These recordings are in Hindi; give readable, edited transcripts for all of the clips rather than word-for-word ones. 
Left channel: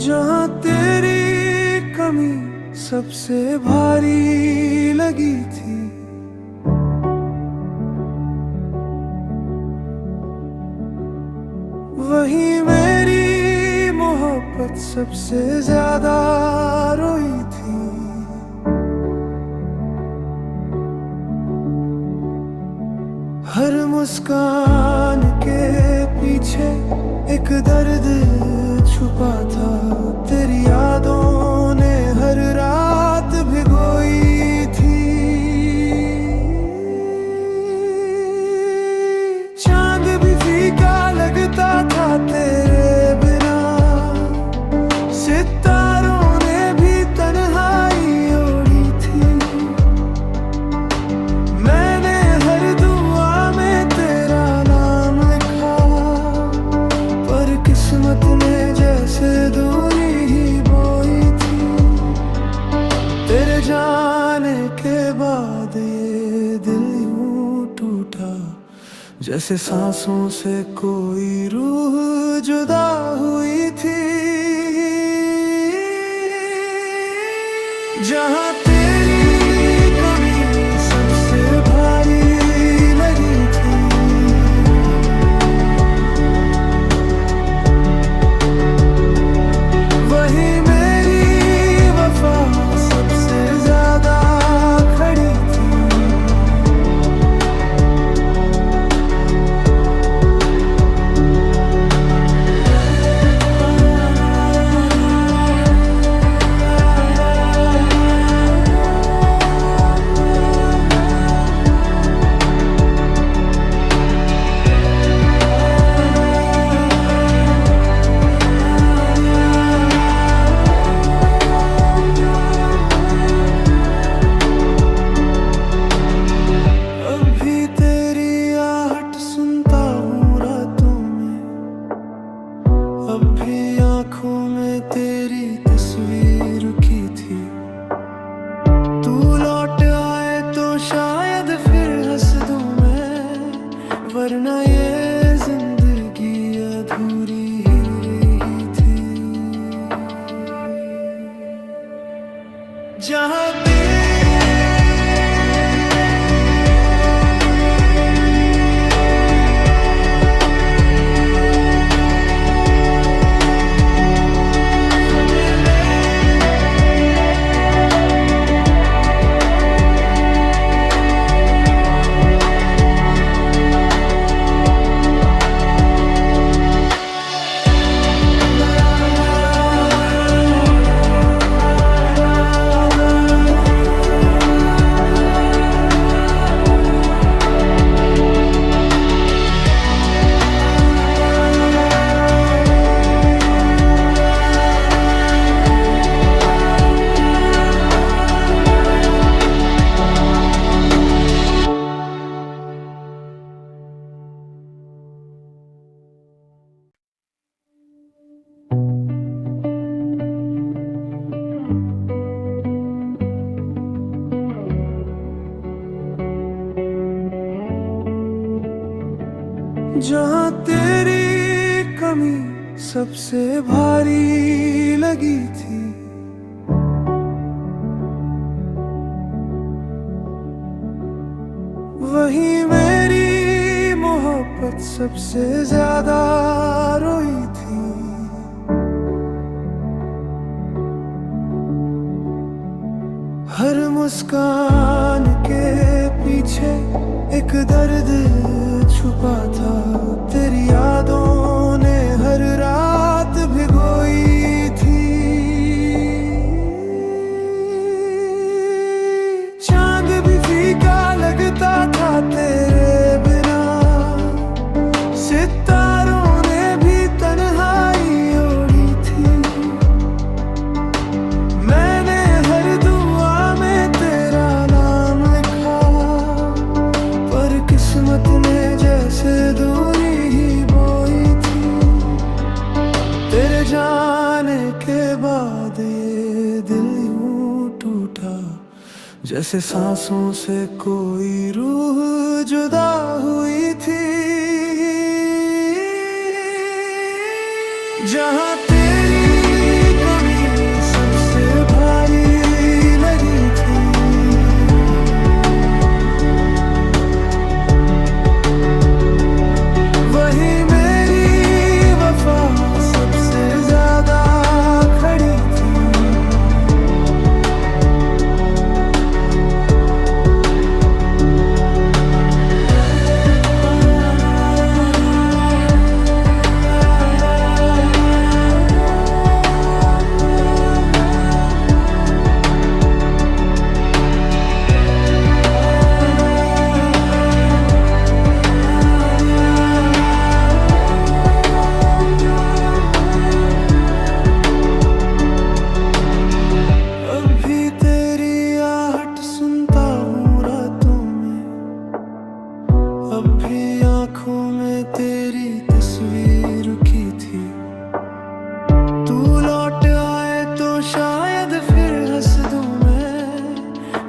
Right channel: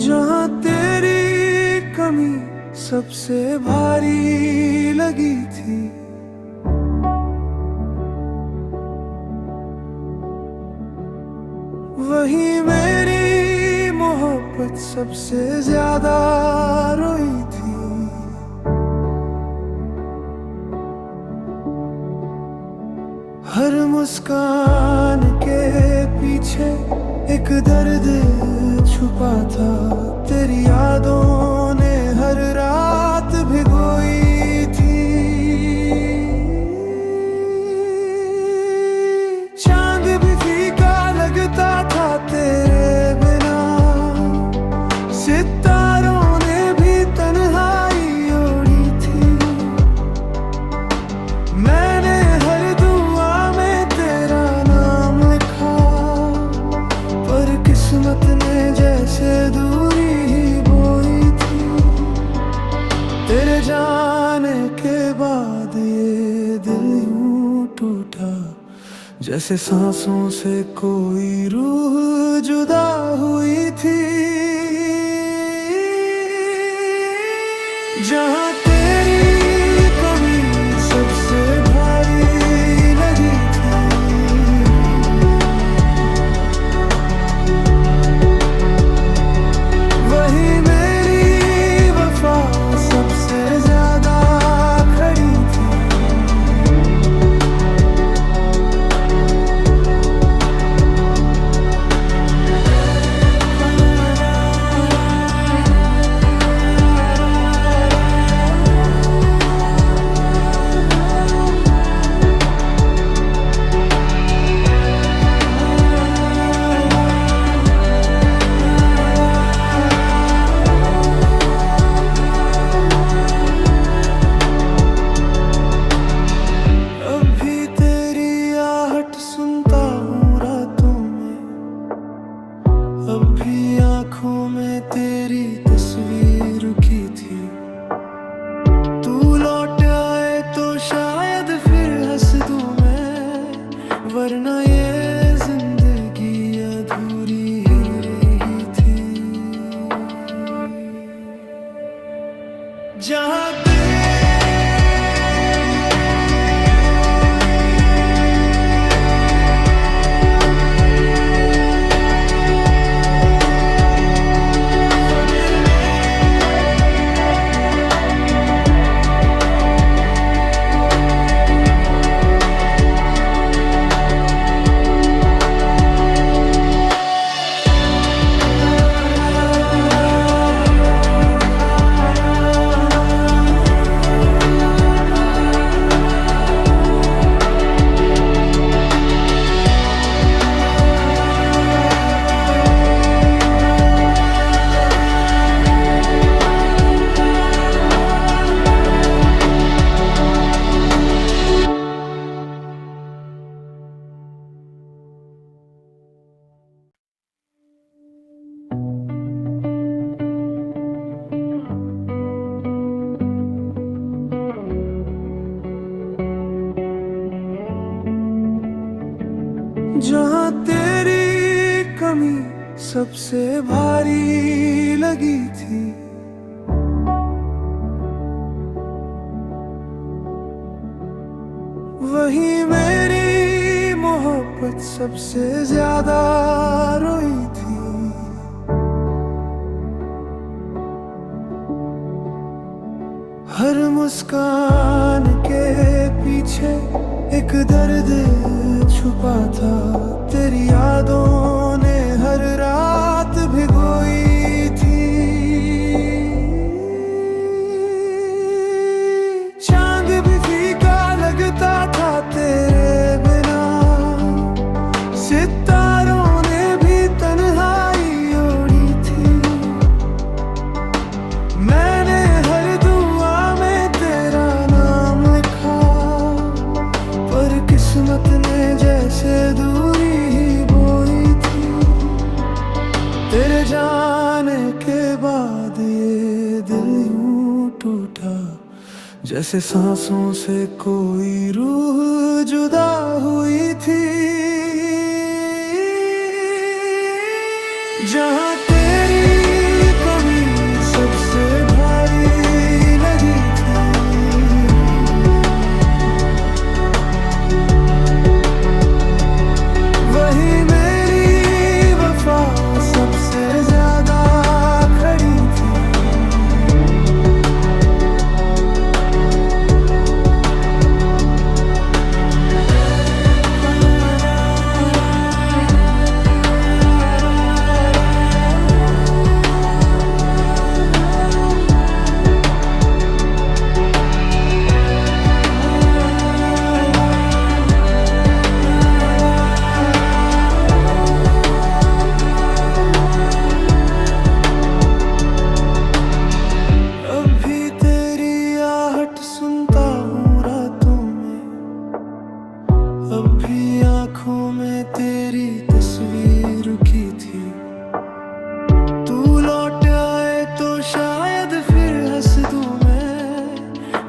जहाँ तेरी कमी सबसे भारी लगी थी, वहीं मेरी मोहब्बत सबसे ज्यादा रोई थी। हर मुस्कान के पीछे एक दर्द छुपा था, तेरी यादों ने हर रात भिगोई थी। चांद भी फीका लगता था तेरे बिना, सितारों ने भी तन्हाई ओढ़ी थी। मैंने हर दुआ में तेरा नाम लिखा, पर किस्मत ने जैसे दूरी ही बोई थी। तेरे जाने के बाद ये दिल यूं टूटा, जैसे सांसों से कोई रूह जुदा हुई थी। जहाँ तेरी कमी सबसे भारी लगी थी, वहीं मेरी वफा सबसे ज्यादा खड़ी थी। अब भी आंखों में तेरी तस्वीर की थी। तू लौट आए तो शायद फिर हंस दूं मैं, वरना ये जिंदगी अधूरी ही रही थी। जहाँ जहाँ तेरी कमी सबसे भारी लगी थी, वहीं मेरी मोहब्बत सबसे ज्यादा रोई थी। हर मुस्कान के पीछे एक दर्द छुपा था, तेरी यादों ने हर रात भिगोई थी। चांद भी फीका लगता था तेरे बिना, सितारों ने भी तन्हाई ओढ़ी थी। मैंने हर दुआ में तेरा नाम लिखा, पर किस्मत ने जैसे दूरी ही बोई थी। तेरे जाने के बाद ये दिल यूं टूटा, जैसे सांसों से कोई रूह जुदा हुई थी। जहाँ तेरी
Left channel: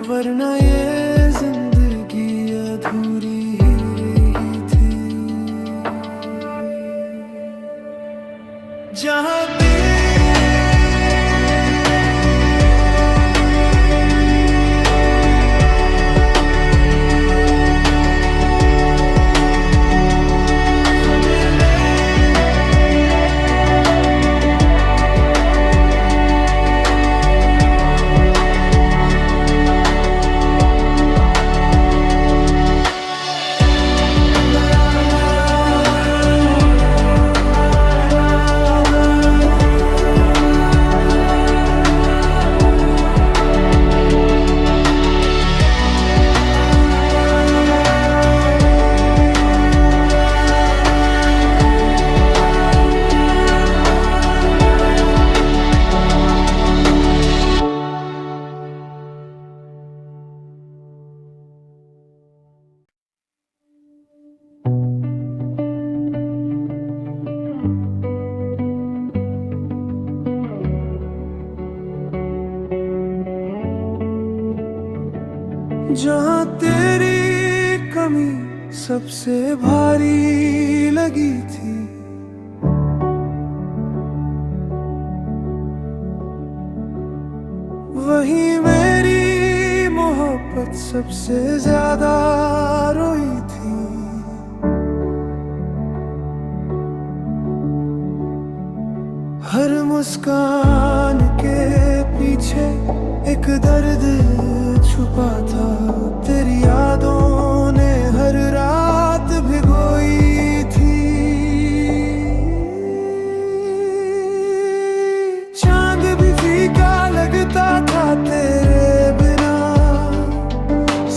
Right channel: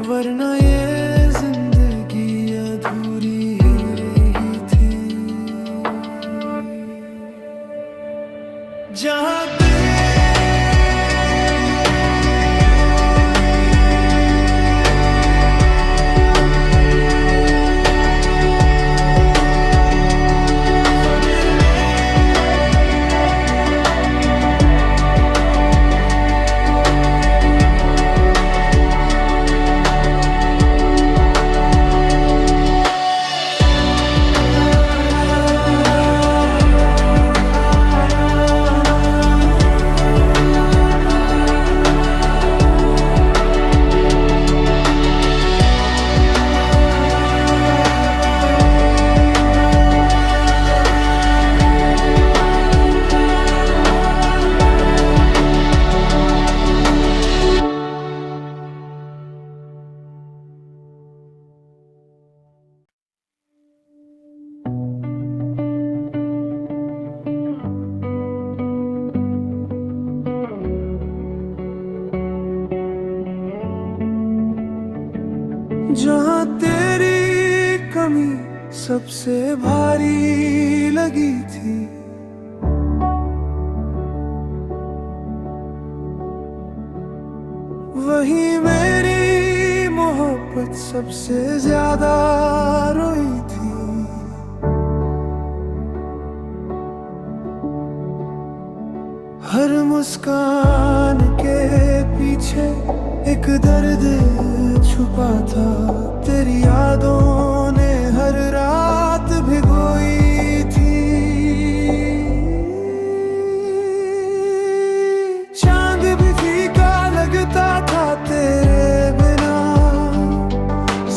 वरना ये जिंदगी अधूरी ही रही थी। जहाँ जहाँ तेरी कमी सबसे भारी लगी थी, वहीं मेरी मोहब्बत सबसे ज्यादा रोई थी। हर मुस्कान के पीछे एक दर्द छुपा था, तेरी यादों ने हर रात भिगोई थी। चांद भी फीका लगता था तेरे बिना,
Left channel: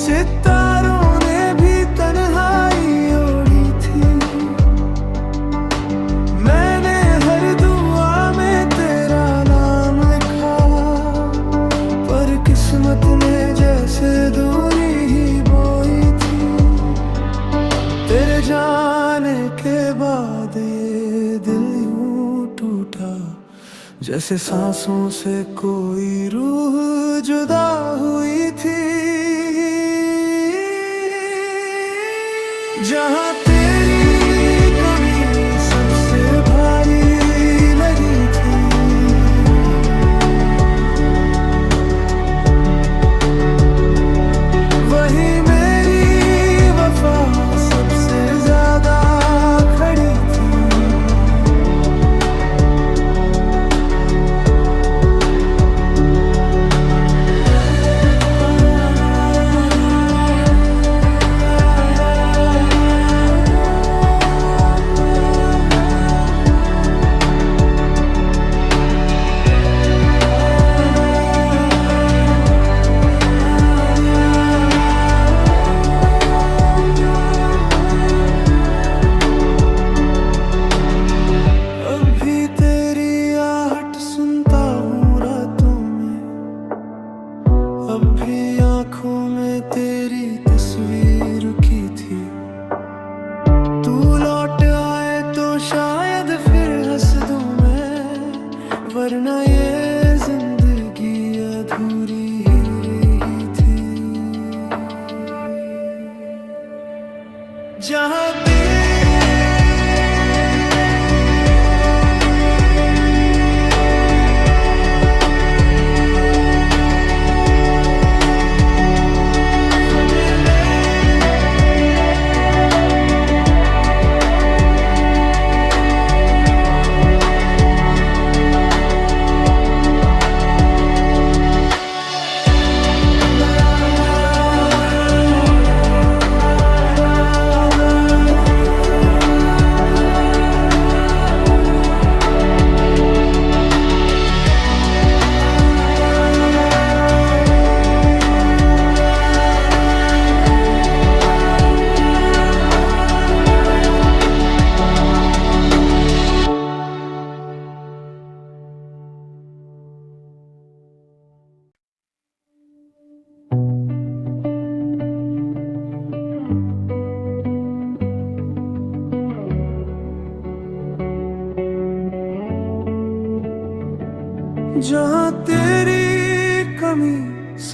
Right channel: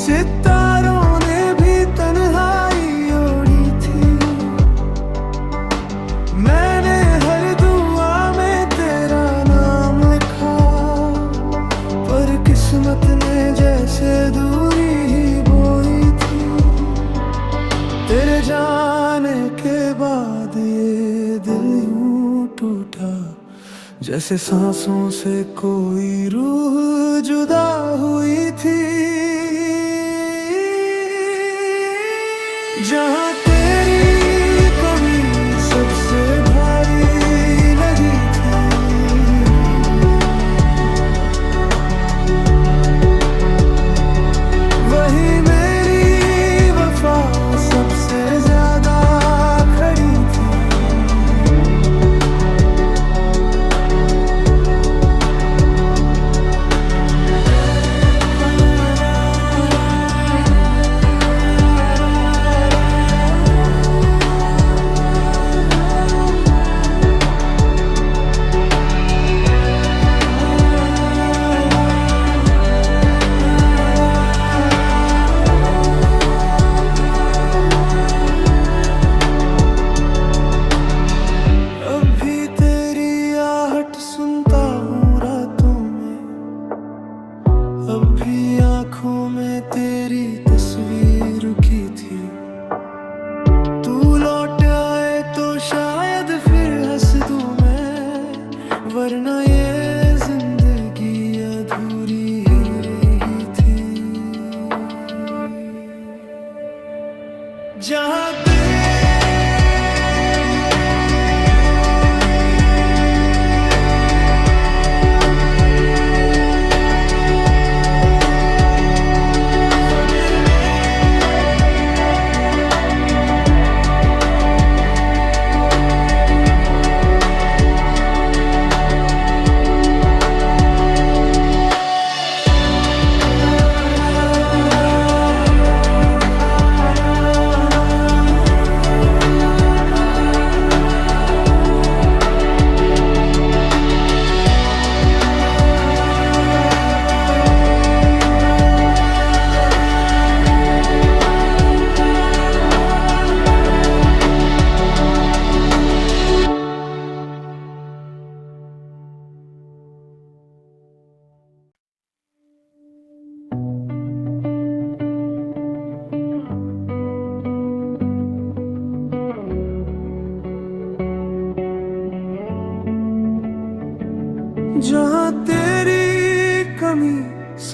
सितारों ने भी तन्हाई ओढ़ी थी। मैंने हर दुआ में तेरा नाम लिखा, पर किस्मत ने जैसे दूरी ही बोई थी। तेरे जाने के बाद ये दिल यूं टूटा, जैसे सांसों से कोई रूह जुदा हुई थी। जहाँ तेरी कमी सबसे भारी लगी थी, वही मेरी वफा सबसे ज्यादा खड़ी थी। अब भी आँखों में तेरी तस्वीर की थी। तू लौट आए तो शायद फिर हंस दूं मैं, वरना ये जिंदगी अधूरी ही रही थी। जहाँ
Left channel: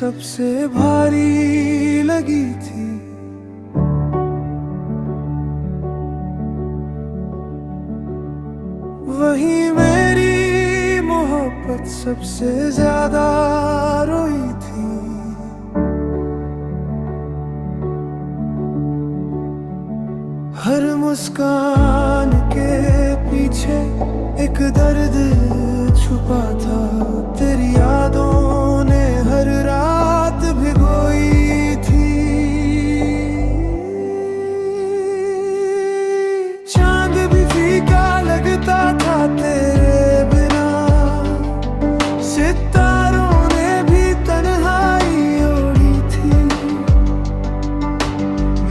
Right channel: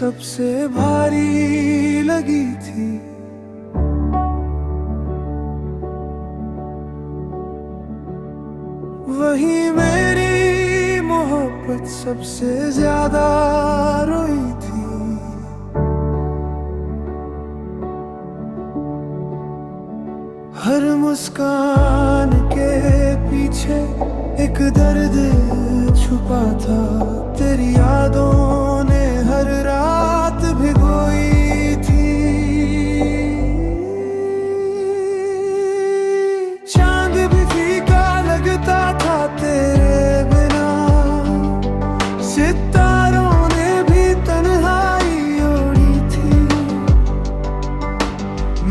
सबसे भारी लगी थी। वही मेरी मोहब्बत सबसे ज्यादा रोई थी। हर मुस्कान के पीछे एक दर्द छुपा था। तेरी यादों ने हर रात भिगोई थी। चांद भी फीका लगता था तेरे बिना। सितारों ने भी तन्हाई ओढ़ी थी।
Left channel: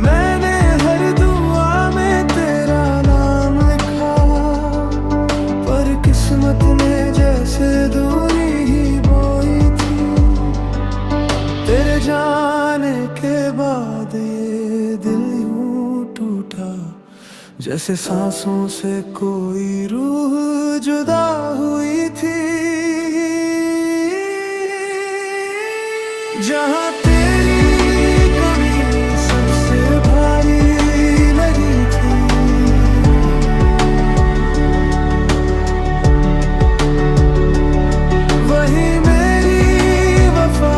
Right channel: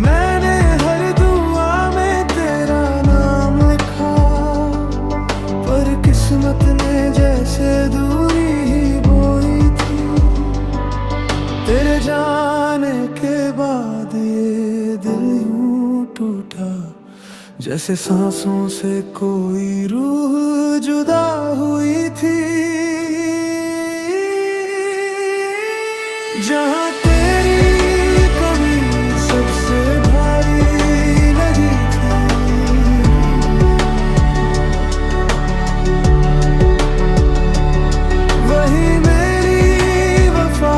मैंने हर दुआ में तेरा नाम लिखा, पर किस्मत ने जैसे दूरी ही बोई थी। तेरे जाने के बाद ये दिल यूं टूटा, जैसे सांसों से कोई रूह जुदा हुई थी। जहाँ तेरी कमी सबसे भारी लगी थी, वही मेरी वफा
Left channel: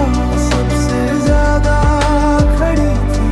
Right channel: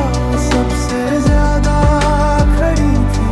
सबसे ज्यादा खड़ी थी।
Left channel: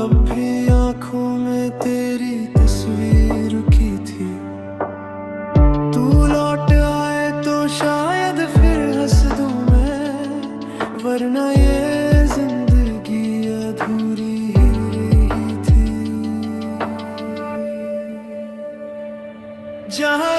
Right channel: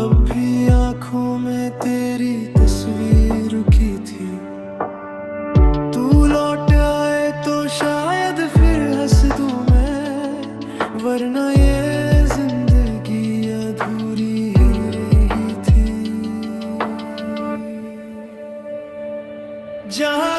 अब भी आँखों में तेरी तस्वीर की थी। तू लौट आए तो शायद फिर हंस दूं मैं, वरना ये जिंदगी अधूरी ही रही थी। जहाँ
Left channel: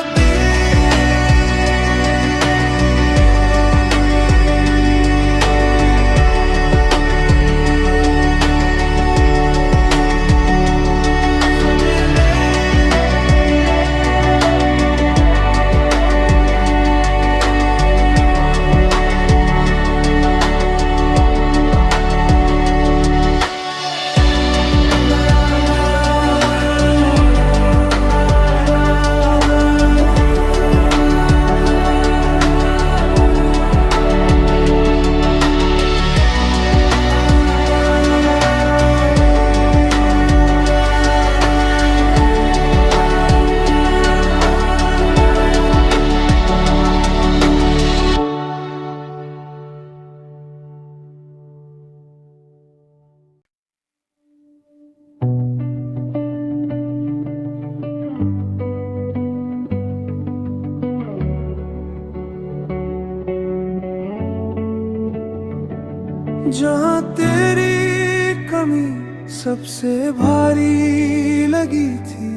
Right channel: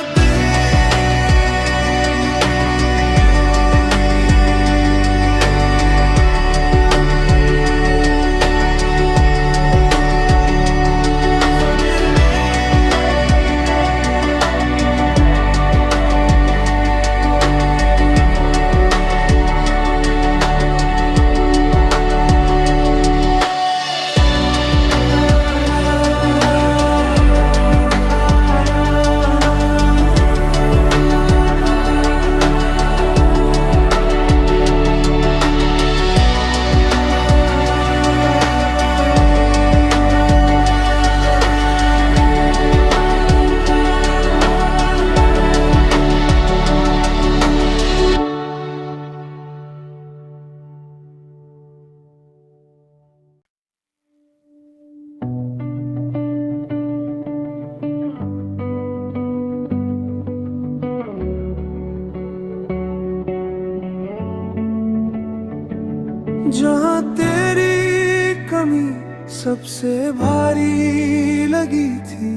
जहाँ तेरी कमी सबसे भारी लगी थी,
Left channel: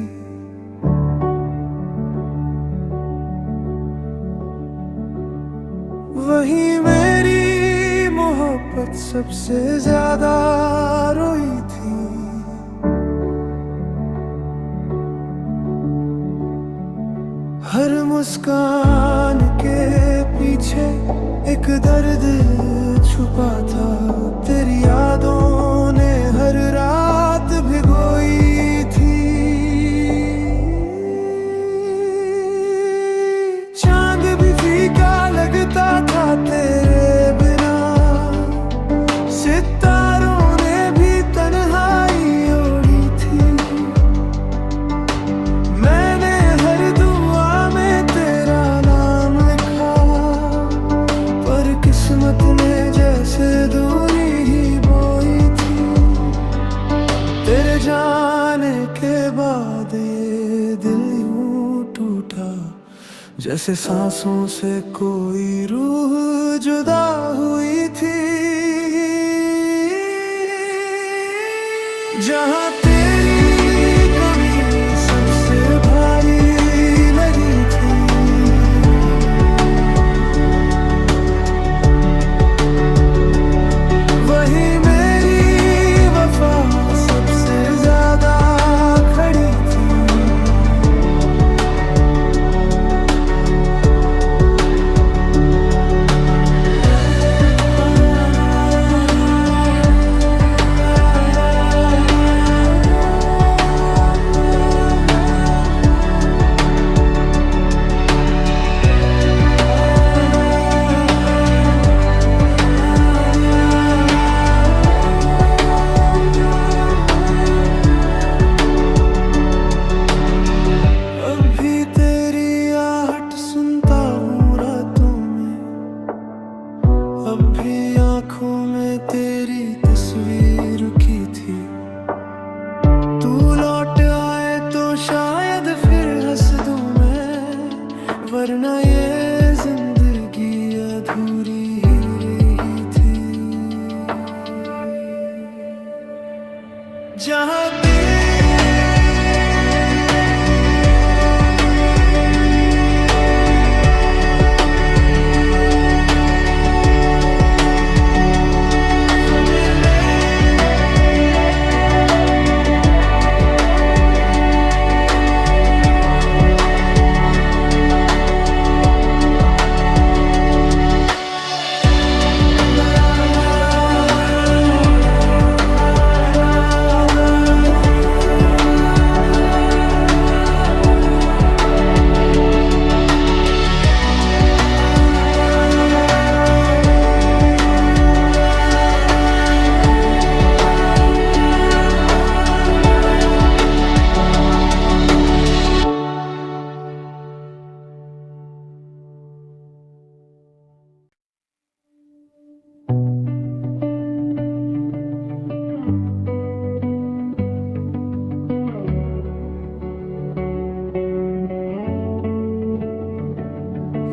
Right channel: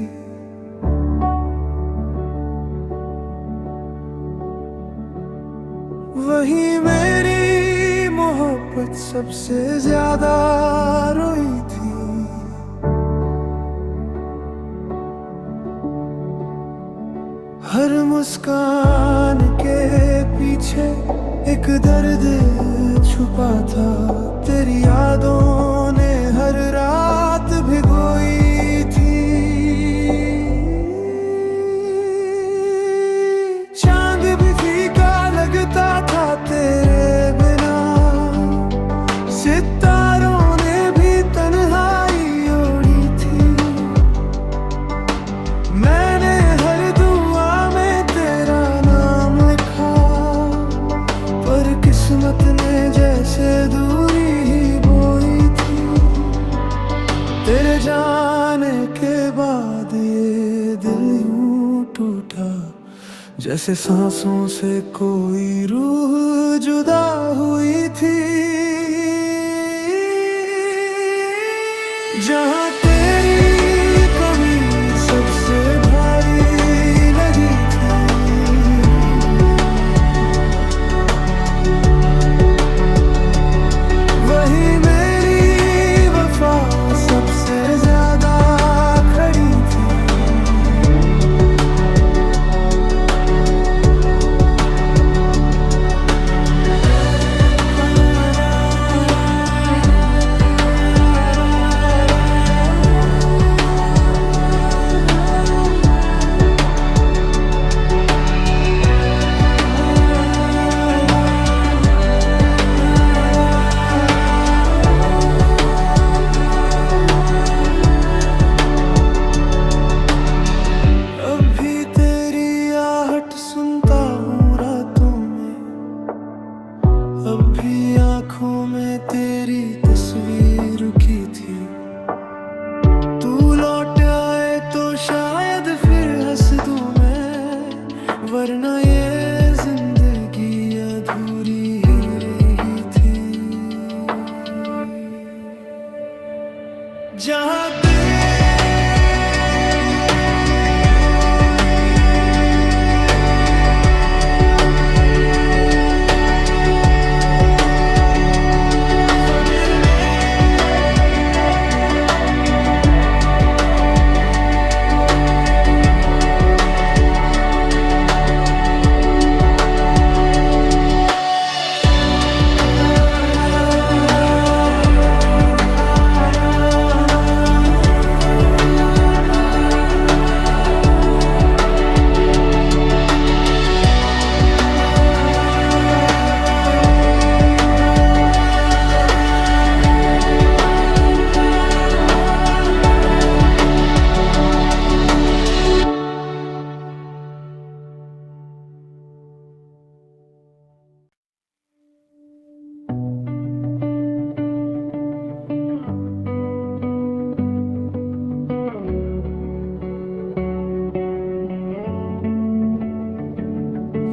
वही मेरी मोहब्बत सबसे ज्यादा रोई थी। हर मुस्कान के पीछे एक दर्द छुपा था। तेरी यादों ने हर रात भिगोई थी। चांद भी फीका लगता था तेरे बिना। सितारों ने भी तन्हाई ओढ़ी थी। मैंने हर दुआ में तेरा नाम लिखा, पर किस्मत ने जैसे दूरी ही बोई थी। तेरे जाने के बाद ये दिल यूं टूटा, जैसे सांसों से कोई रूह जुदा हुई थी। जहाँ तेरी कमी सबसे भारी वरना ये जिंदगी अधूरी ही रही थी। जहाँ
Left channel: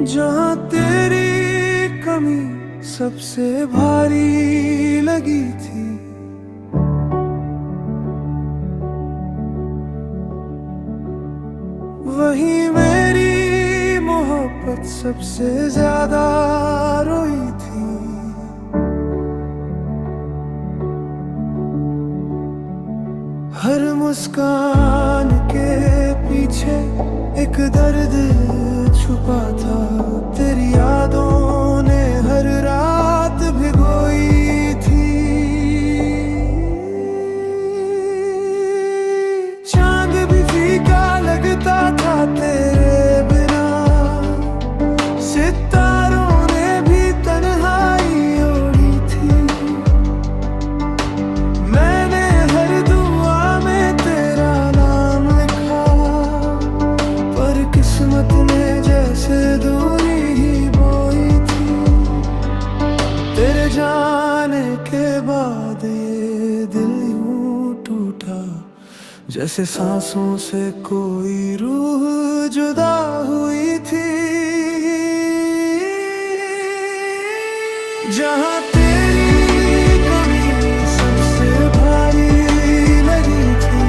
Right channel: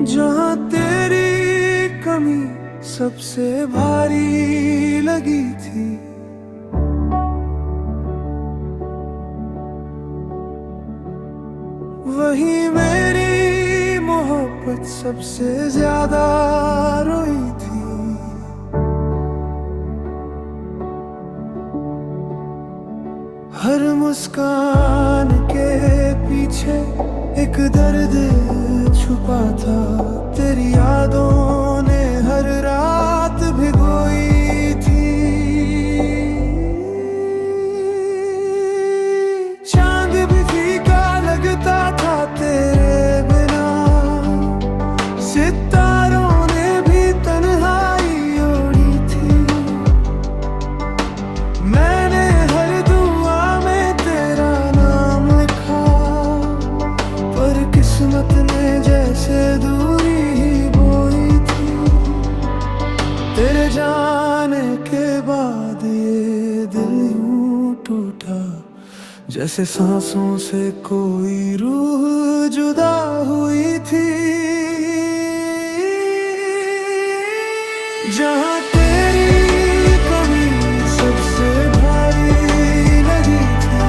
जहाँ तेरी कमी सबसे भारी लगी थी, वही मेरी मोहब्बत सबसे ज्यादा रोई थी। हर मुस्कान के पीछे एक दर्द छुपा था, तेरी यादों ने हर रात भिगोई थी। चांद भी फीका लगता था तेरे बिना, सितारों ने भी तन्हाई ओढ़ी थी। मैंने हर दुआ में तेरा नाम लिखा, पर किस्मत ने जैसे दूरी ही बोई थी। तेरे जाने के बाद ये दिल यूं टूटा, जैसे सांसों से कोई रूह जुदा हुई थी। जहाँ तेरी कमी सबसे भारी लगी थी,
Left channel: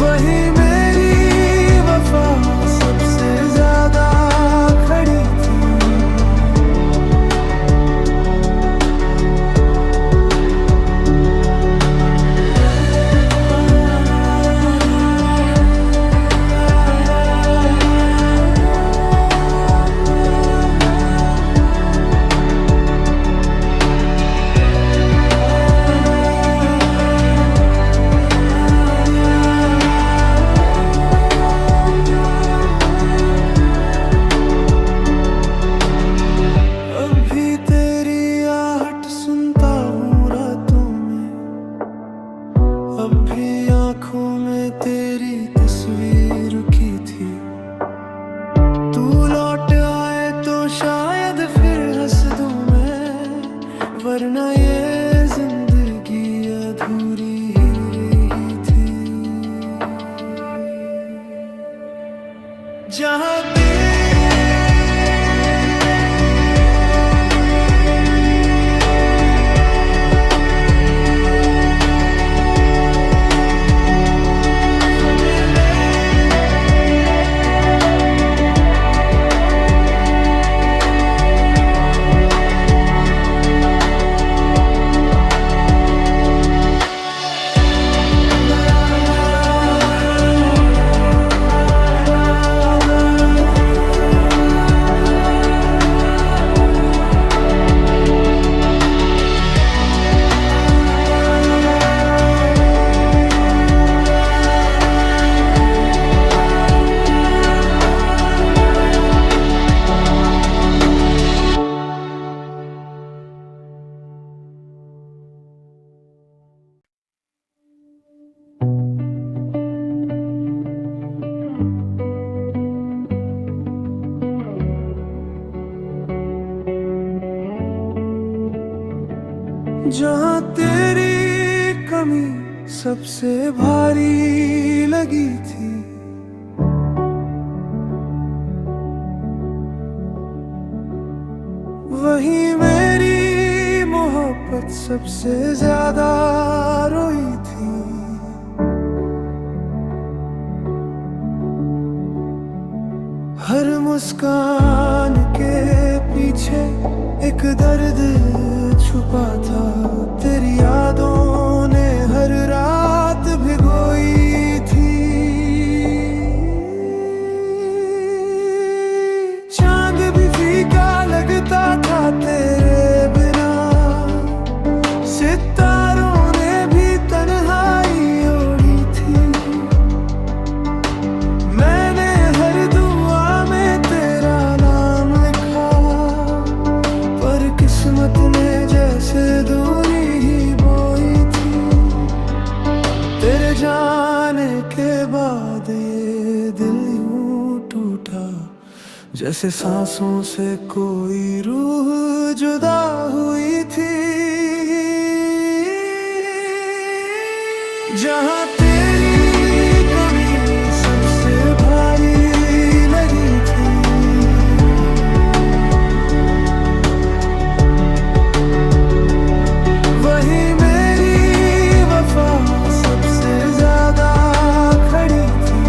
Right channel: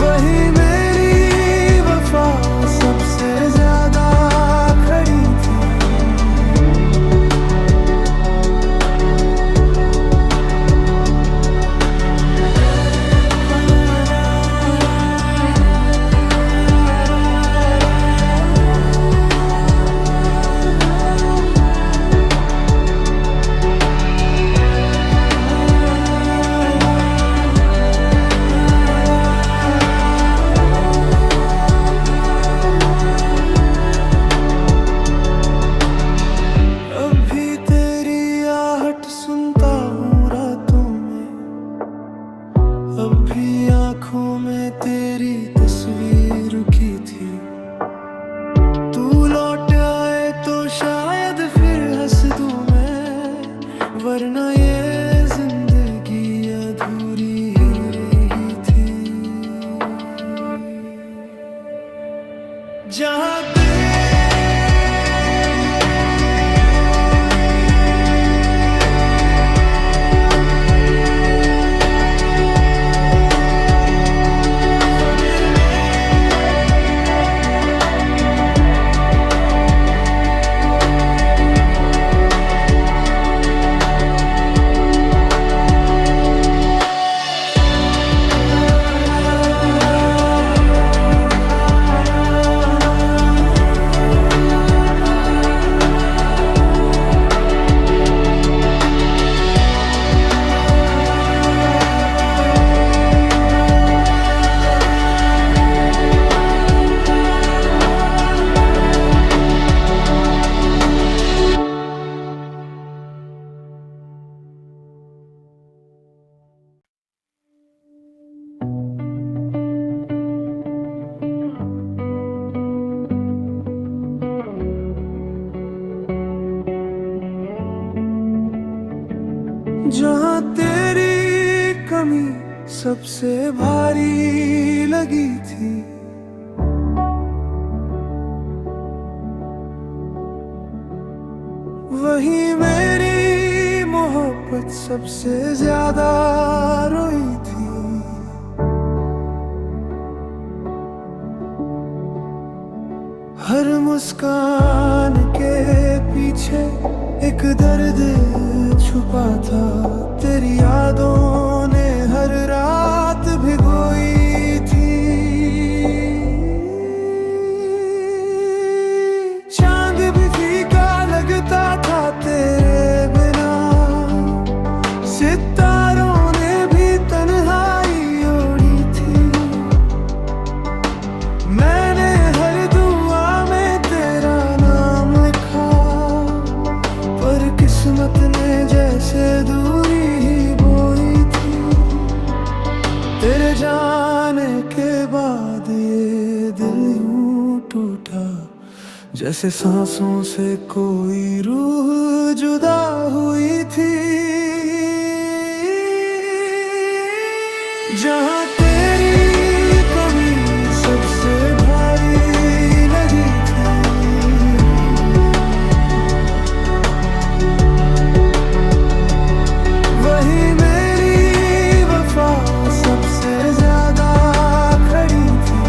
वही मेरी वफा सबसे ज्यादा खड़ी थी। अब भी आँखों में तेरी तस्वीर की थी। तू लौट आए तो शायद फिर हंस दूं मैं, वरना ये जिंदगी अधूरी ही रही थी। जहाँ जहाँ तेरी कमी सबसे भारी लगी थी। वही मेरी मोहब्बत सबसे ज्यादा रोई थी। हर मुस्कान के पीछे एक दर्द छुपा था। तेरी यादों ने हर रात भिगोई थी। चांद भी फीका लगता था तेरे बिना। सितारों ने भी तन्हाई ओढ़ी थी। मैंने हर दुआ में तेरा नाम लिखा, पर किस्मत ने जैसे दूरी ही बोई थी। तेरे जाने के बाद ये दिल यूं टूटा, जैसे सांसों से कोई रूह जुदा हुई थी। जहाँ तेरी कमी सबसे भारी लगी थी, वही मेरी वफा सबसे ज्यादा खड़ी थी।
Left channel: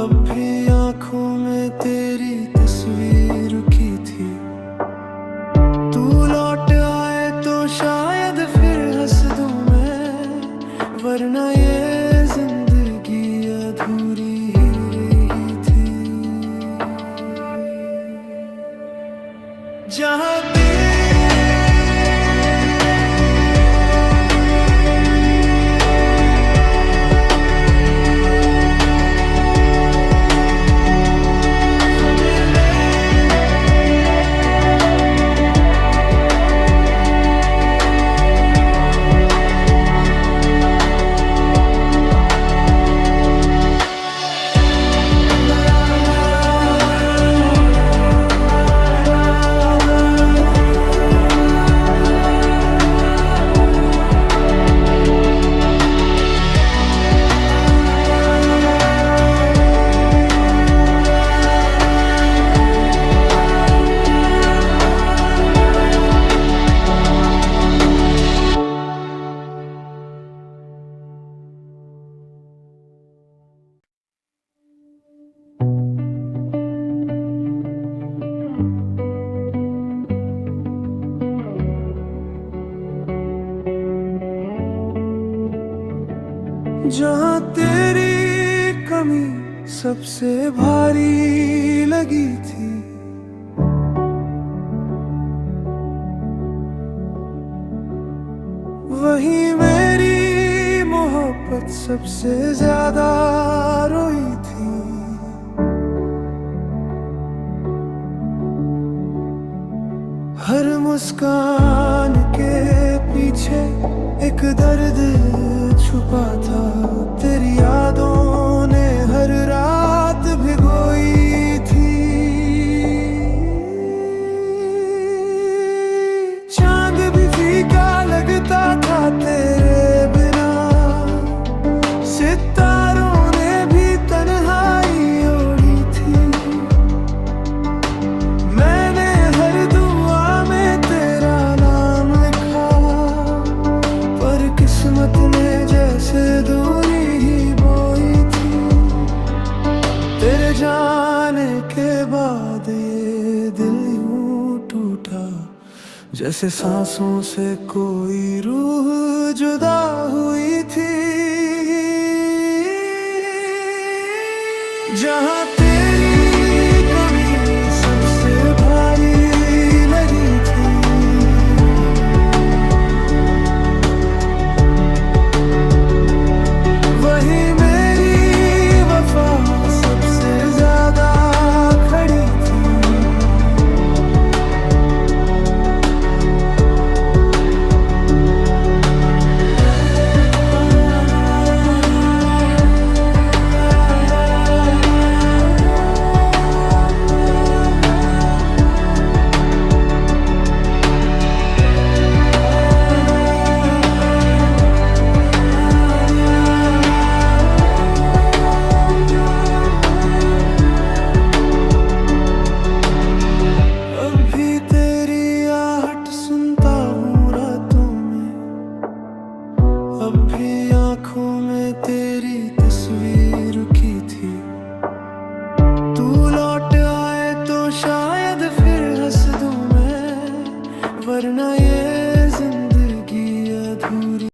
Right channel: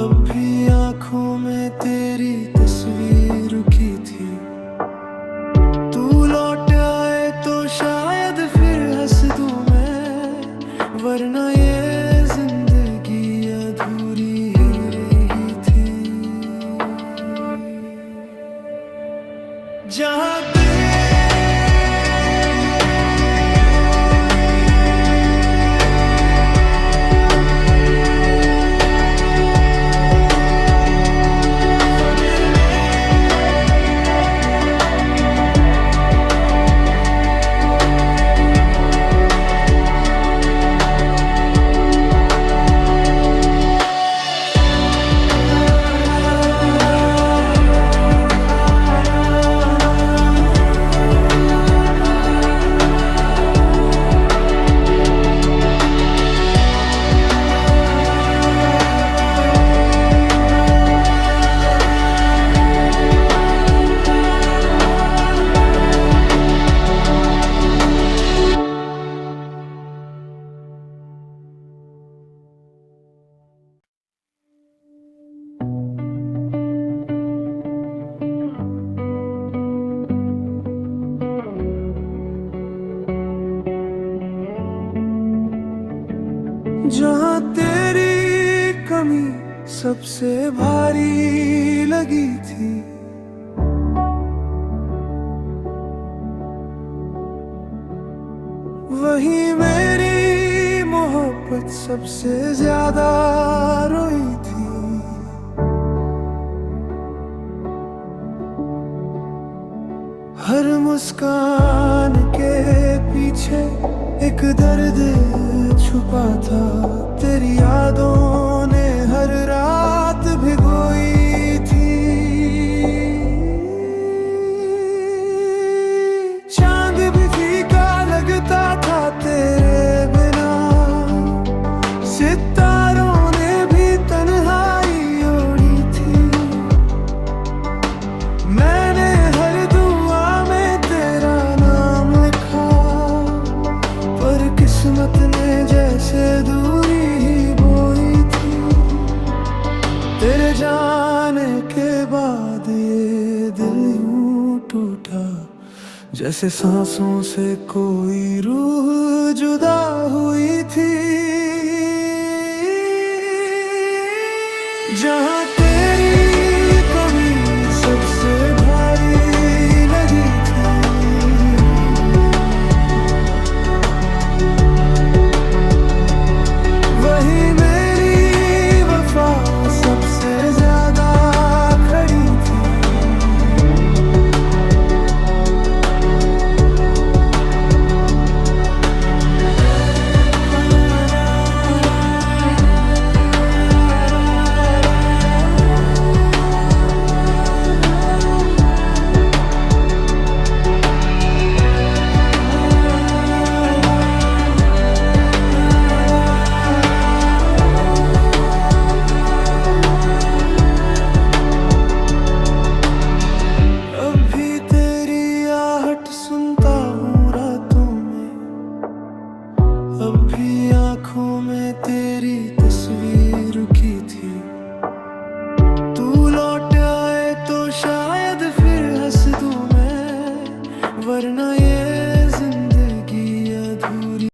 अब भी आँखों में तेरी तस्वीर की थी। तू लौट आए तो शायद फिर हंस दूं मैं, वरना ये जिंदगी अधूरी ही रही थी। जहाँ जहाँ तेरी कमी सबसे भारी लगी थी, वही मेरी मोहब्बत सबसे ज्यादा रोई थी। हर मुस्कान के पीछे एक दर्द छुपा था। तेरी यादों ने हर रात भिगोई थी। चांद भी फीका लगता था तेरे बिना। सितारों ने भी तन्हाई ओढ़ी थी। मैंने हर दुआ में तेरा नाम लिखा, पर किस्मत ने जैसे दूरी ही बोई थी। तेरे जाने के बाद ये दिल यूं टूटा, जैसे सांसों से कोई रूह जुदा हुई थी। जहाँ तेरी कमी सबसे भारी तब भी आंखों में तेरी तस्वीर की थी। तू लौट आए तो शायद फिर हंस दूं मैं, वरना ये जिंदगी अधूरी।